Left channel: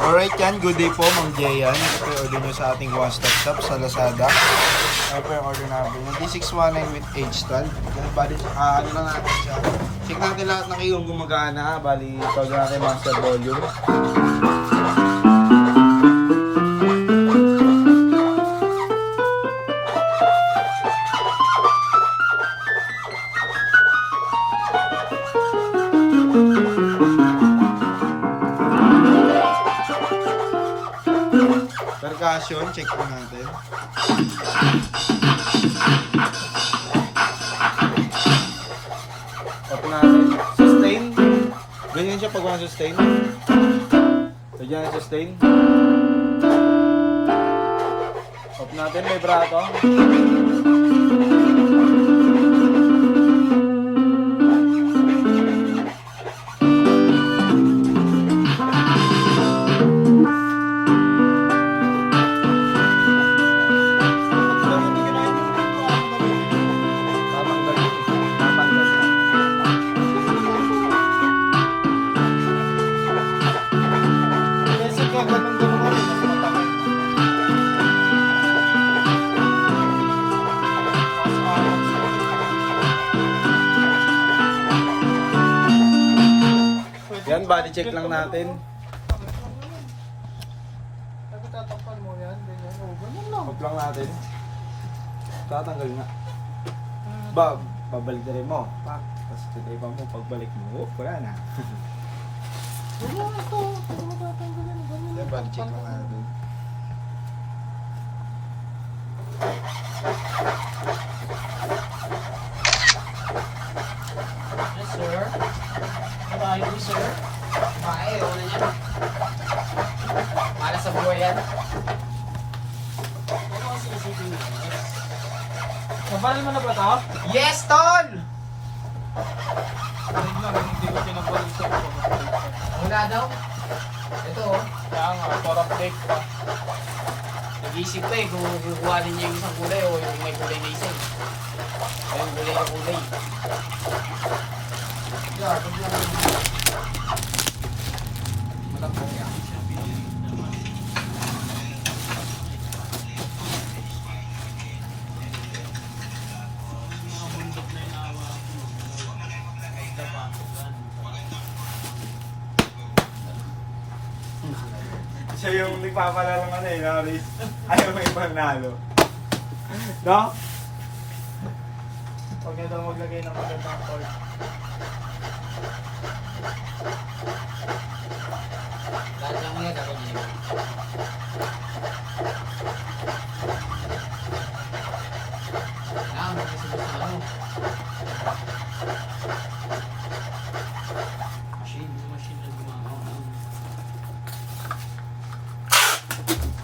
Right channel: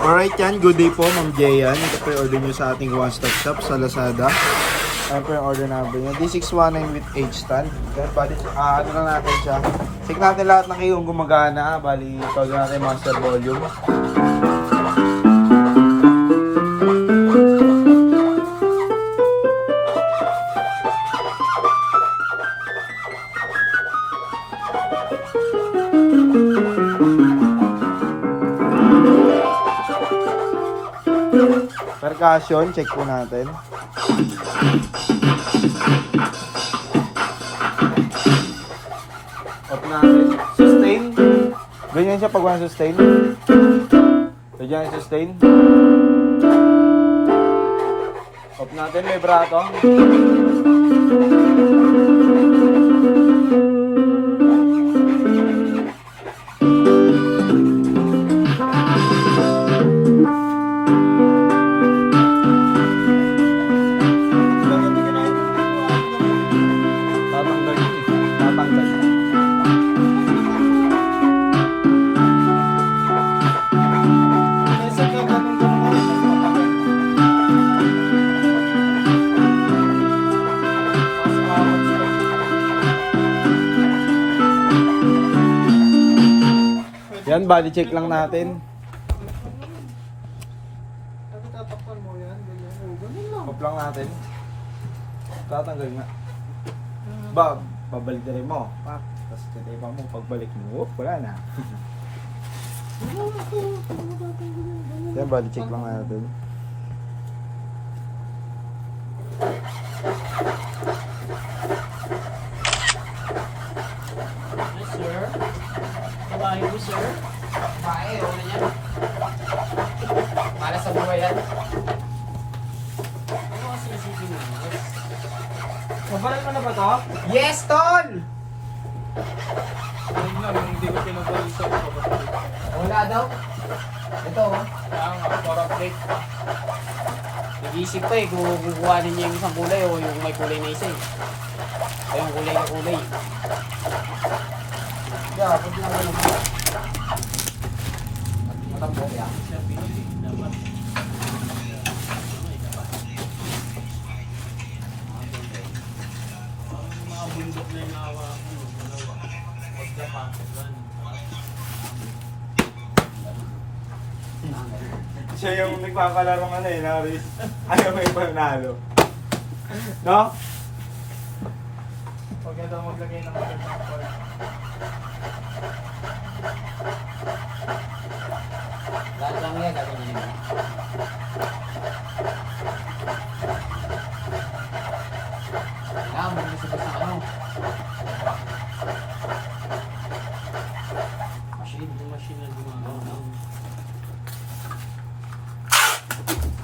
Alright yan, good day po Ma'am Jayan. Ito po yung order nyo sa ating one-stop shop sa Lazada. Ayan po yung order number nyo. D619 with H-stand. Yan, bali, ano lang natin siya. Check natin lahat ng kayong gumagana. Bali, tawag natin master volume. Percussion, check po natin. Off natin. Sustain. Ganyan siya pag walang sustain. Ganyan ang sustain. Off natin, vibrato. Yan, body check lang natin. Off lang natin. Tatanggal nga. Babalik na rin mo. Tapos titipan mo, pagbalik mo, wala na. Yan, body check lang natin. Yes, sir. Kumain mo, sir. Bae, ano na yan? Para sa buhay yan. Nabalin mo na ba ito? Yes, Tol! Hindi ko pinabalin sa ito. Wala daw. Ito, oh. Ang marap eh. Nag-iisip pa eh kung guguhanin niya yung isang kulay o yung may kulay na isa eh. O yung kulay na kulay. Yeah, pag mo naman yung matang ya. Siya pinili naman. Mga bundok na yung nawa ko. Dalawa. Pagkapasok man. Siya yung nagpapalaro ng ano eh, Norris. Ayaw may panalo. No? Huwag niya daw maglagay ng magandang corn. Dahil lang yan, gagawin niya. Ah, mag-isip sa ano. Machine. Yung machine na gumagawa.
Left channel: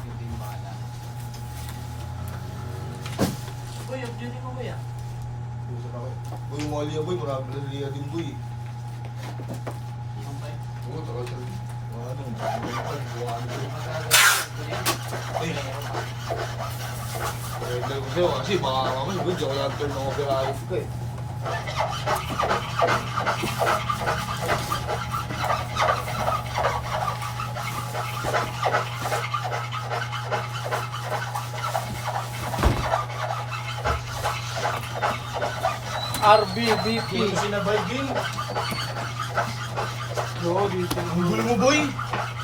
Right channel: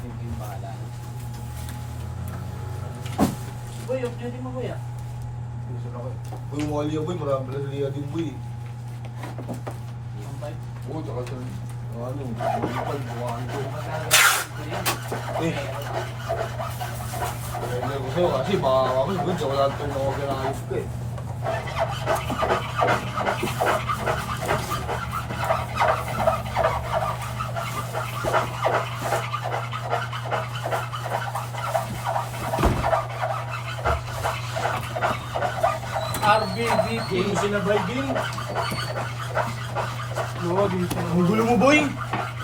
Hindi yung bahala. Boy, yung duty mo kuya. Boy, umali yan boy, marami na liya din boy. Yung bike. Oo, tsaka siya, ano, buwan ko. Kaya ko sa'yo kasi baka mamay, good, tsaka lahat turn ako pinayos ko eh. RBBP. Sinabay din. Oo, dito. Ang gulo mo boy!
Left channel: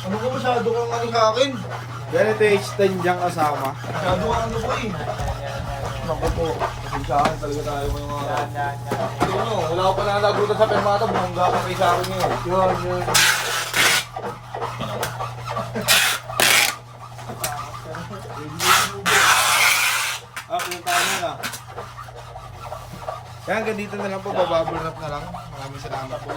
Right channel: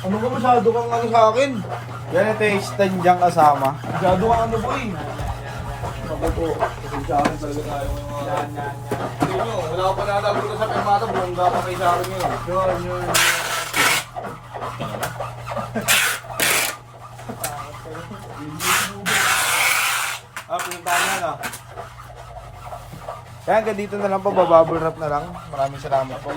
Ano ka masyado kang ano sa akin? Yan, ito yung extend dyan kasama. Masyado kang ano boy! Naku to, pasensyahan talaga tayo mo yung mga ganyan. Ano, wala ka pala nalabutan sa pemata, bumangga ka kay sa akin yun. Yun. Pinuntahan niya na. Yan, hanggang dito na lang po, babubble wrap na lang. Maraming salamat po.